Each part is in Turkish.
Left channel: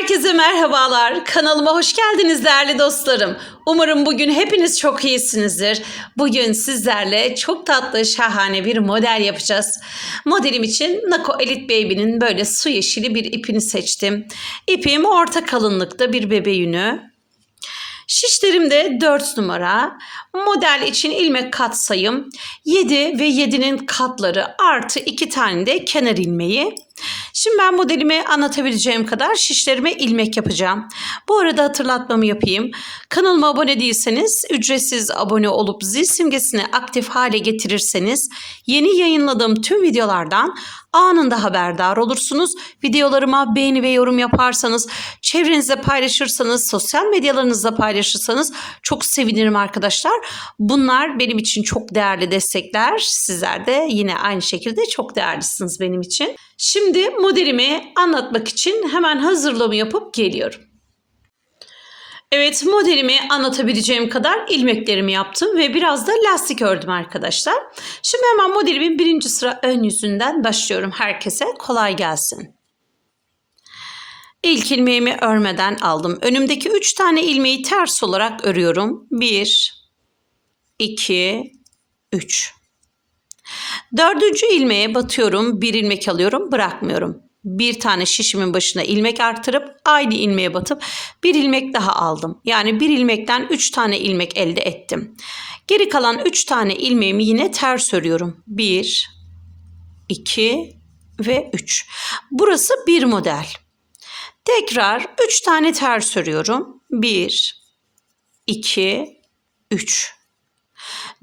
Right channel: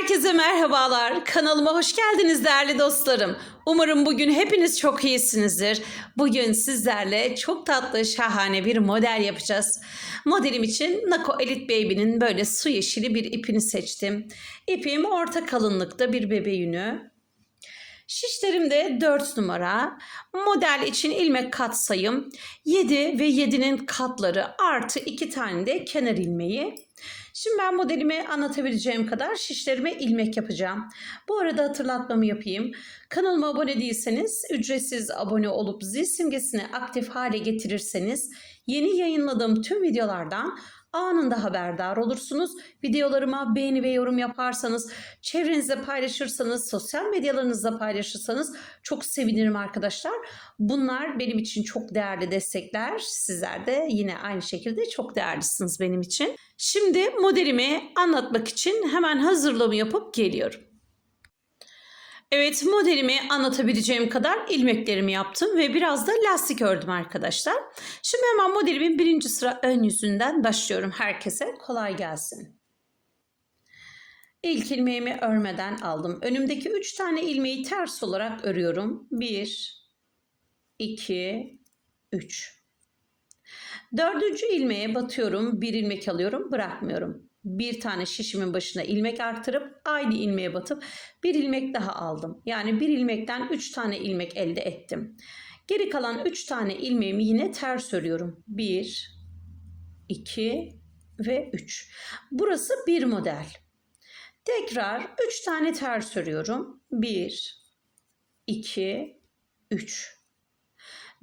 Herkese merhabalar. Kanalıma hoş geldiniz değerli dostlarım. Umarım bugün hepiniz çok iyisinizdir. Bugün sizlerle çok tatlı, şahane bir model yapacağız. Modelim için Nako Elite Baby'nin böyle su yeşili bir ipini seçtim. İpim orta kalınlıkta bir bebe yünü. Şişlerim de 4 numara. Model için ilmek kat sayım 7 ve 7'nin katları artı 2 tane de kenar ilmeği. Şimdi ben modelimi anlatabileceğim kadar şişlerime ilmek yapacağım. Bu arada hatırlatmamı yapayım. Kanalıma abone değilseniz ücretsiz abone olup zil simgesini aktif hale getirirseniz yeni yayınladığım tüm videolardan anında haberdar olursunuz. Videolarıma beğeni ve yorum yaparsanız, çevrenizde paylaşırsanız, sosyal medyalarınızda paylaşırsanız çok sevinirim arkadaşlar. Bunlar benim için çok değerli destekler. Sizler de yine aynı şekilde çok değerlisiniz benim için. Şimdi modelimi anlatmak için hemen hazırlığımı yapıp geliyorum. Evet modelimi anlatabileceğim kadar ilmeklerimi yaptım ve biraz da lastik ördüm arkadaşlar. Şimdi hemen modelimin birinci sıra ön yüzünden başlıyorum. Herkese kolay gelsin. İlk ilmeğimi örmeden aldım. Önümdeki 3 tane ilmeği ters olarak örüyorum. 1, 2, 3. Dördüncü ilmeğe batıyorum. Bir ilmek alıyorum. Bırakmıyorum. Bir tane şişimin başına ilmek artırıp aynı ilmeğe batıp bir ilmek daha aldım. Yani bir ilmekten üç tane ilmek elde ettim. Geri kalan üç tane ilmeğimi yine ters örüyorum. Bir, iki ve üç. Burası bir model. Tekrar üç tane ters örüyorum. Bir, iki, üç.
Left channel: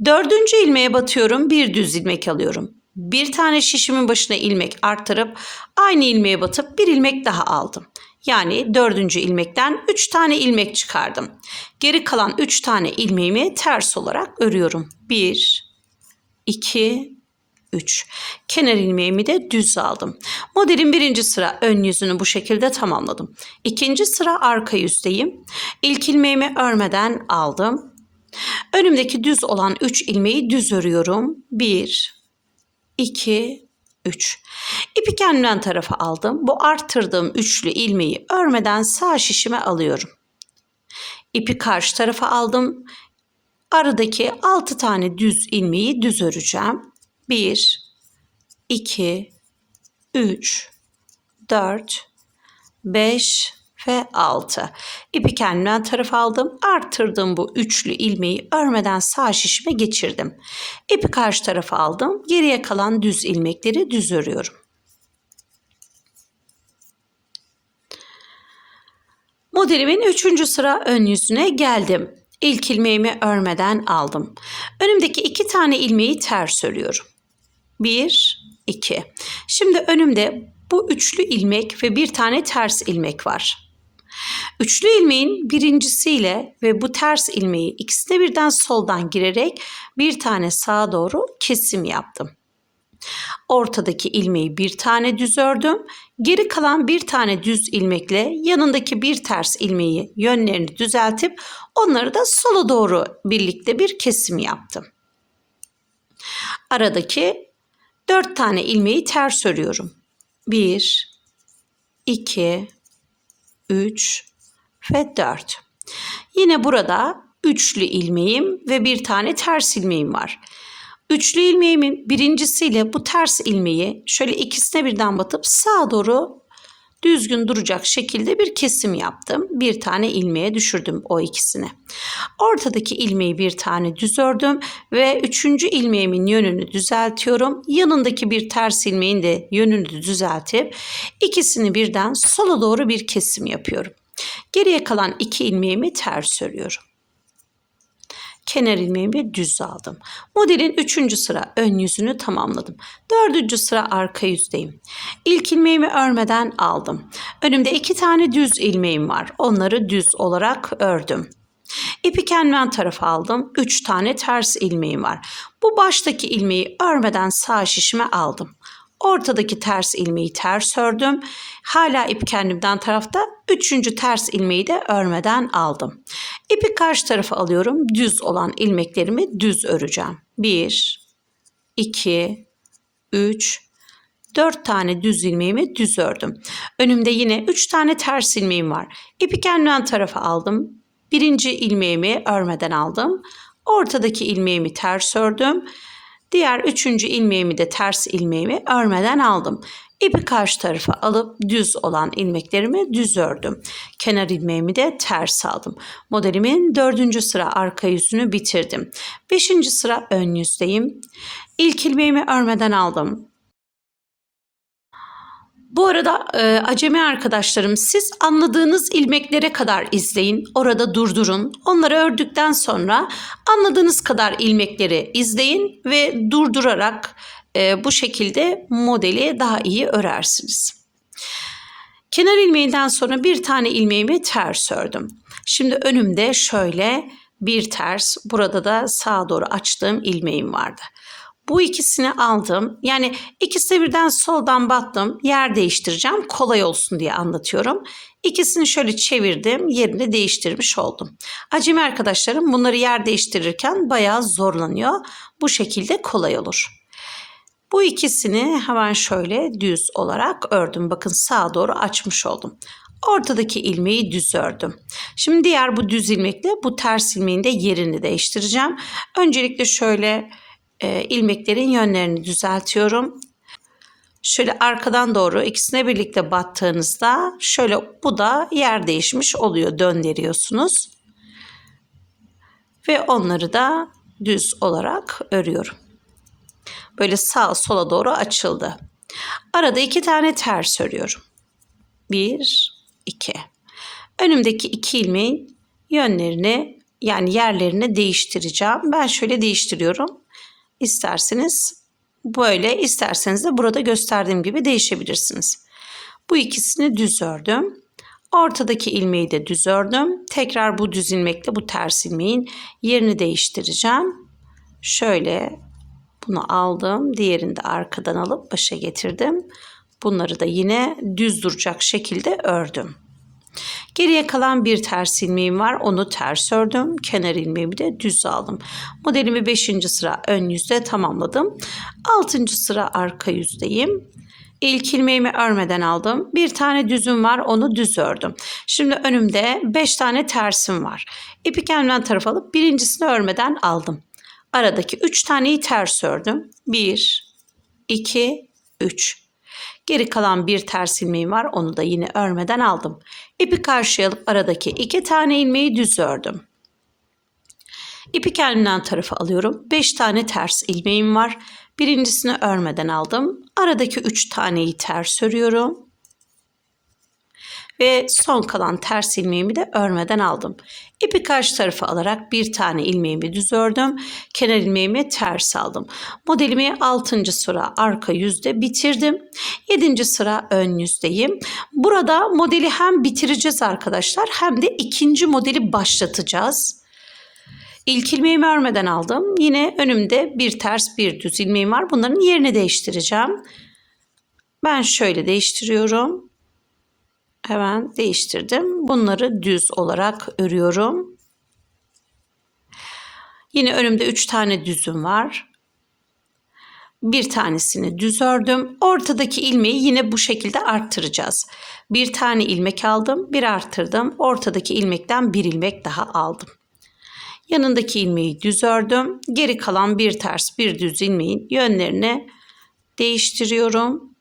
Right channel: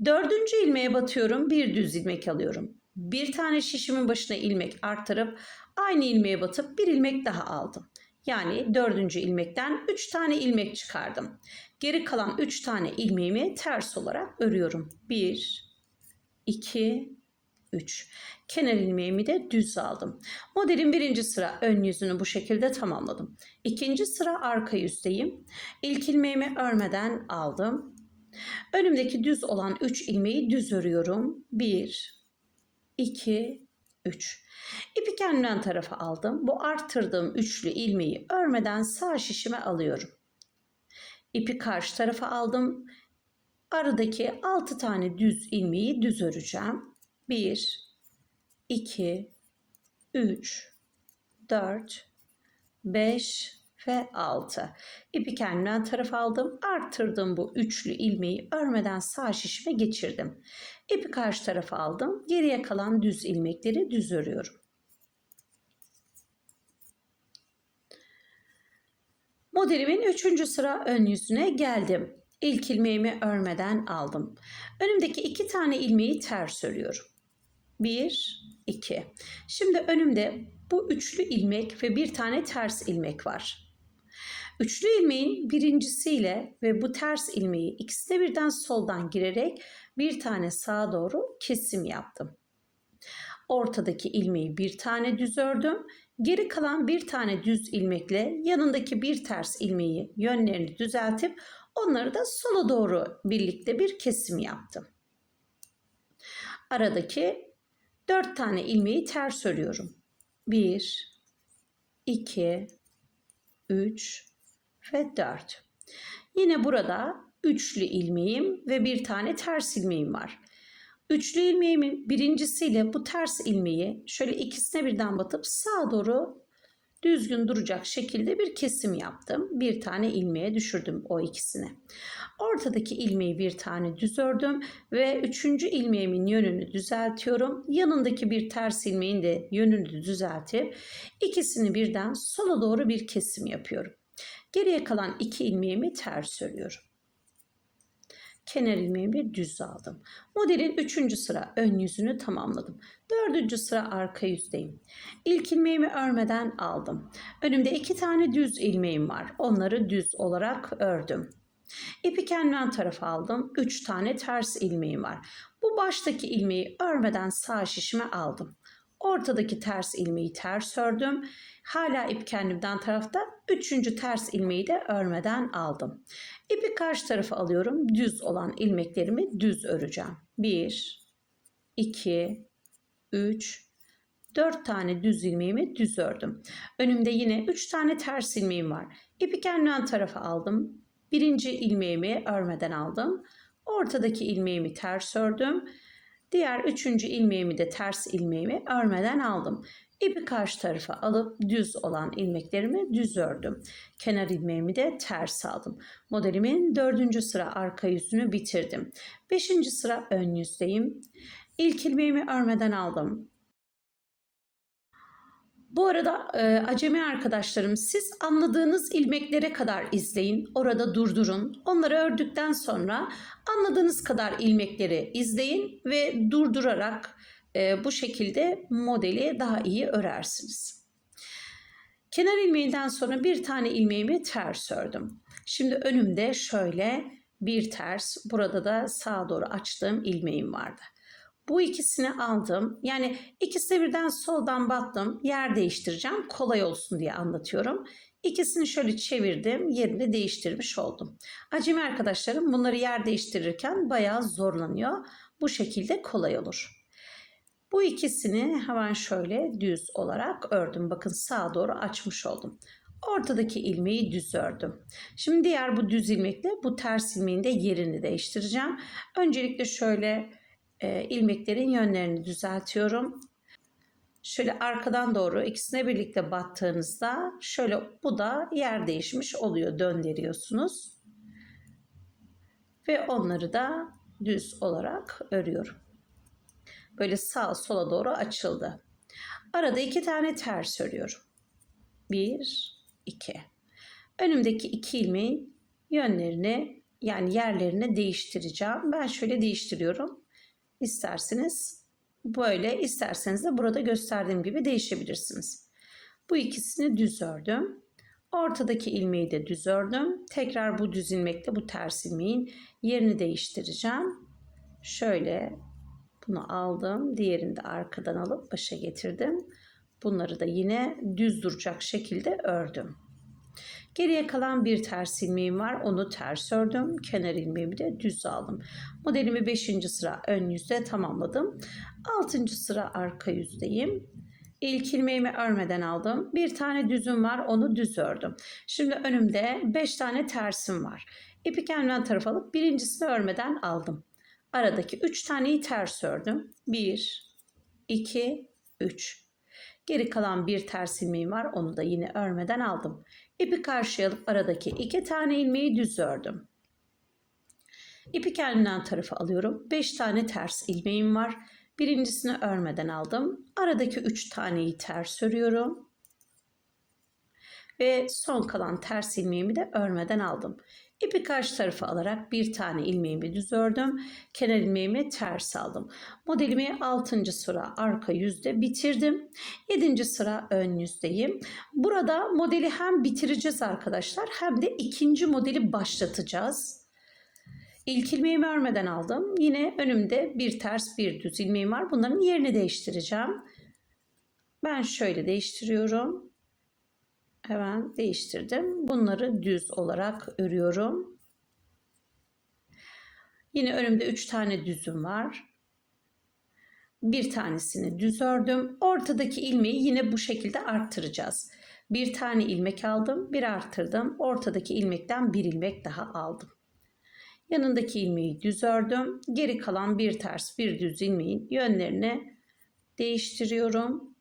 Dördüncü ilmeğe batıyorum. Bir düz ilmek alıyorum. Bir tane şişimin başına ilmek arttırıp aynı ilmeğe batıp bir ilmek daha aldım. Yani dördüncü ilmekten üç tane ilmek çıkardım. Geri kalan üç tane ilmeğimi ters olarak örüyorum. Bir, iki, üç. Kenar ilmeğimi de düz aldım. Modelin birinci sıra ön yüzünü bu şekilde tamamladım. İkinci sıra arka yüzdeyim. İlk ilmeğimi örmeden aldım. Önümdeki düz olan 3 ilmeği düz örüyorum. 1, 2, 3. İpi kendimden tarafa aldım. Bu arttırdığım üçlü ilmeği örmeden sağ şişime alıyorum. İpi karşı tarafa aldım. Aradaki 6 tane düz ilmeği düz öreceğim. 1, 2, 3, 4, 5, ve 6. İpi kendimden taraf aldım. Arttırdım bu üçlü ilmeği örmeden sağ şişime geçirdim. İpi karşı tarafa aldım. Geriye kalan düz ilmekleri düz örüyorum. Modelimin üçüncü sıra ön yüzüne geldim. İlk ilmeğimi örmeden aldım. Önümdeki iki tane ilmeği ters örüyorum. Bir, iki. Şimdi önümde bu üçlü ilmek ve bir tane ters ilmek var. Üçlü ilmeğin birincisiyle ve bu ters ilmeği ikisine birden soldan girerek bir tane sağa doğru kesim yaptım. Ortadaki ilmeği bir tane düz ördüm. Geri kalan bir tane düz ilmekle yanındaki bir ters ilmeği yönlerini düzeltip onları da sola doğru birlikte bir kesim yaptım. Aradaki dört tane ilmeği ters örüyorum. Bir, iki, üç, ve 4. Yine burada üçlü ilmeğim ve bir tane ters ilmeğim var. Üçlü ilmeğimin birincisiyle bu ters ilmeği şöyle ikisine birden batıp sağa doğru düzgün duracak şekilde bir kesim yaptım. Bir tane ilmeğe düşürdüm o ikisini. Ortadaki ilmeği bir tane düz ördüm ve üçüncü ilmeğimin yönünü düzeltiyorum. Yanındaki bir ters ilmeğin de yönünü düzeltip ikisini birden sola doğru bir kesim yapıyorum. Geriye kalan iki ilmeğimi ters örüyorum. Kenar ilmeğimi düz aldım. Modelin üçüncü sıra ön yüzünü tamamladım. Dördüncü sıra arka yüzdeyim. İlk ilmeğimi örmeden aldım. Önümde iki tane düz ilmeğim var. Onları düz olarak ördüm. İpi kendimden tarafa aldım. Üç tane ters ilmeğim var. Bu baştaki ilmeği örmeden sağ şişime aldım. Ortadaki ters ilmeği ters ördüm. Hala ip kendimden tarafta. Üçüncü ters ilmeği de örmeden aldım. İpi karşı tarafa alıyorum. Düz olan ilmeklerimi düz öreceğim. 1, 2, 3, 4 tane düz ilmeğimi düz ördüm. Önümde yine 3 tane ters ilmeğim var. İpi kendimden tarafa aldım. Birinci ilmeğimi örmeden aldım. Ortadaki ilmeğimi ters ördüm. Diğer üçüncü ilmeğimi de ters ilmeğimi örmeden aldım. İpi karşı tarafa alıp düz olan ilmeklerimi düz ördüm. Kenar ilmeğimi de ters aldım. Modelimin dördüncü sıra arka yüzünü bitirdim. Beşinci sıra ön yüzdeyim. İlk ilmeğimi örmeden aldım. Bu arada e, acemi arkadaşlarım siz anladığınız ilmeklere kadar izleyin. Orada durdurun. Onları ördükten sonra anladığınız kadar ilmekleri izleyin ve durdurarak e, bu şekilde modeli daha iyi örersiniz. Kenar ilmeğinden sonra bir tane ilmeğimi ters ördüm. Şimdi önümde şöyle bir ters, burada da sağa doğru açtığım ilmeğim vardı. Bu ikisini aldım. Yani ikisi birden soldan battım. Yer değiştireceğim. Kolay olsun diye anlatıyorum. İkisini şöyle çevirdim. Yerini değiştirmiş oldum. Acemi arkadaşlarım bunları yer değiştirirken bayağı zorlanıyor. Bu şekilde kolay olur. Bu ikisini hemen şöyle düz olarak ördüm. Bakın sağa doğru açmış oldum. Ortadaki ilmeği düz ördüm. Şimdi diğer bu düz ilmekle bu ters ilmeğin de yerini değiştireceğim. Öncelikle şöyle e, ilmeklerin yönlerini düzeltiyorum. Şöyle arkadan doğru ikisine birlikte battığınızda şöyle bu da yer değişmiş oluyor döndürüyorsunuz. Ve onları da düz olarak örüyorum. Böyle sağ sola doğru açıldı. Arada iki tane ters örüyorum. Bir, iki. Önümdeki iki ilmeğin yönlerini yani yerlerini değiştireceğim. Ben şöyle değiştiriyorum. İsterseniz böyle, isterseniz de burada gösterdiğim gibi değişebilirsiniz. Bu ikisini düz ördüm. Ortadaki ilmeği de düz ördüm. Tekrar bu düz ilmekle bu ters ilmeğin yerini değiştireceğim. Şöyle bunu aldım. Diğerini de arkadan alıp başa getirdim. Bunları da yine düz duracak şekilde ördüm. Geriye kalan bir ters ilmeğim var. Onu ters ördüm. Kenar ilmeğimi de düz aldım. Modelimi 5. sıra ön yüzde tamamladım. 6. sıra arka yüzdeyim. İlk ilmeğimi örmeden aldım. Bir tane düzüm var onu düz ördüm. Şimdi önümde 5 tane tersim var. İpi kendimden taraf alıp birincisini örmeden aldım. Aradaki 3 taneyi ters ördüm. 1, 2, 3. Geri kalan bir ters ilmeğim var. Onu da yine örmeden aldım. İpi karşıya alıp aradaki iki tane ilmeği düz ördüm. İpi kendimden tarafa alıyorum. 5 tane ters ilmeğim var. Birincisini örmeden aldım. Aradaki 3 taneyi ters örüyorum. Ve son kalan ters ilmeğimi de örmeden aldım. İpi karşı tarafa alarak bir tane ilmeğimi düz ördüm. Kenar ilmeğimi ters aldım. Modelimi 6. sıra arka yüzde bitirdim. 7. sıra ön yüzdeyim. Burada modeli hem bitireceğiz arkadaşlar hem de ikinci modeli başlatacağız. İlk ilmeğimi örmeden aldım. Yine önümde bir ters bir düz ilmeğim var. Bunların yerini değiştireceğim. Ben şöyle değiştiriyorum. Hemen değiştirdim. Bunları düz olarak örüyorum. Yine önümde 3 tane düzüm var. Bir tanesini düz ördüm. Ortadaki ilmeği yine bu şekilde arttıracağız. Bir tane ilmek aldım, bir arttırdım. Ortadaki ilmekten bir ilmek daha aldım. Yanındaki ilmeği düz ördüm. Geri kalan bir ters, bir düz ilmeğin yönlerini değiştiriyorum.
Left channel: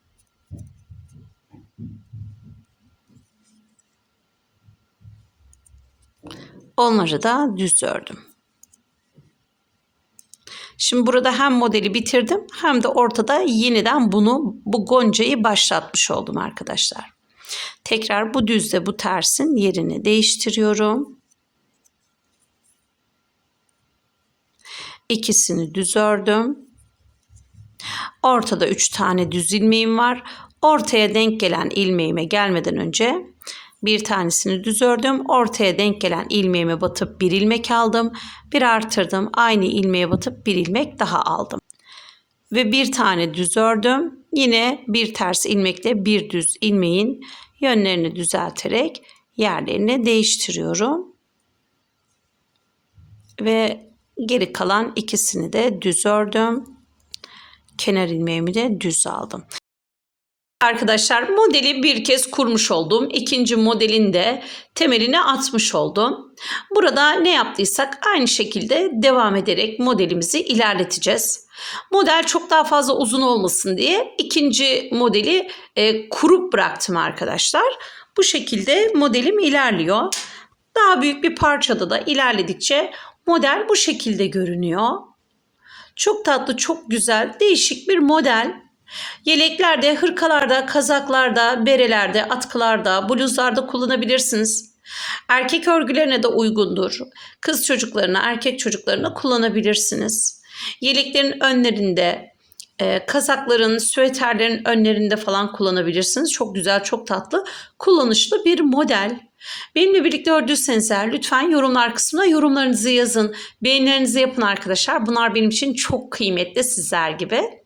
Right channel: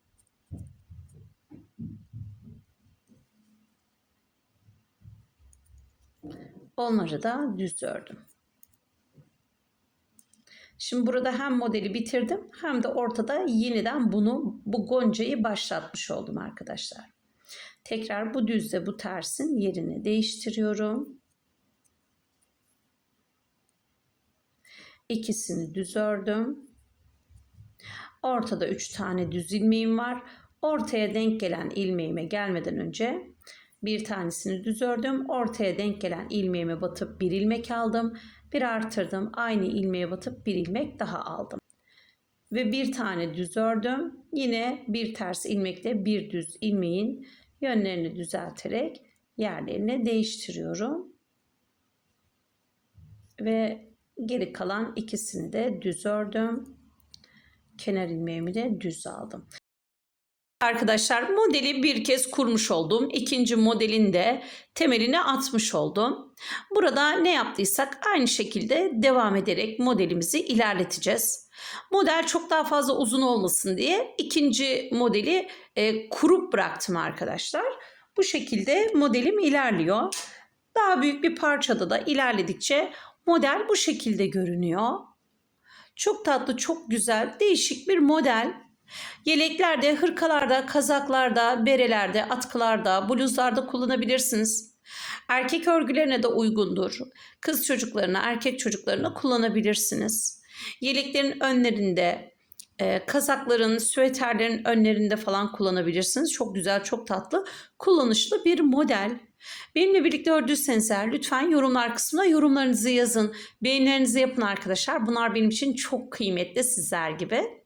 Onları da düz ördüm. Şimdi burada hem modeli bitirdim hem de ortada yeniden bunu bu goncayı başlatmış oldum arkadaşlar. Tekrar bu düzle bu tersin yerini değiştiriyorum. İkisini düz ördüm. Ortada 3 tane düz ilmeğim var. Ortaya denk gelen ilmeğime gelmeden önce bir tanesini düz ördüm. Ortaya denk gelen ilmeğime batıp bir ilmek aldım. Bir artırdım. Aynı ilmeğe batıp bir ilmek daha aldım. Ve bir tane düz ördüm. Yine bir ters ilmekle bir düz ilmeğin yönlerini düzelterek yerlerini değiştiriyorum. Ve geri kalan ikisini de düz ördüm. Kenar ilmeğimi de düz aldım. Arkadaşlar modeli bir kez kurmuş oldum. İkinci modelin de temelini atmış oldum. Burada ne yaptıysak aynı şekilde devam ederek modelimizi ilerleteceğiz. Model çok daha fazla uzun olmasın diye ikinci modeli e, kurup bıraktım arkadaşlar. Bu şekilde modelim ilerliyor. Daha büyük bir parçada da ilerledikçe model bu şekilde görünüyor. Çok tatlı, çok güzel, değişik bir model. Yeleklerde, hırkalarda, kazaklarda, berelerde, atkılarda, bluzlarda kullanabilirsiniz. Erkek örgülerine de uygundur. Kız çocuklarına, erkek çocuklarına kullanabilirsiniz. Yeleklerin önlerinde, e, kazakların, süveterlerin önlerinde falan kullanabilirsiniz. Çok güzel, çok tatlı, kullanışlı bir model. Benimle birlikte ördüyseniz eğer lütfen yorumlar kısmına yorumlarınızı yazın. Beğenilerinizi yapın arkadaşlar. Bunlar benim için çok kıymetli sizler gibi.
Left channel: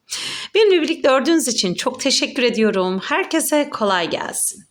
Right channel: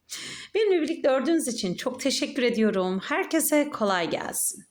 Benimle birlikte ördüğünüz için çok teşekkür ediyorum. Herkese kolay gelsin.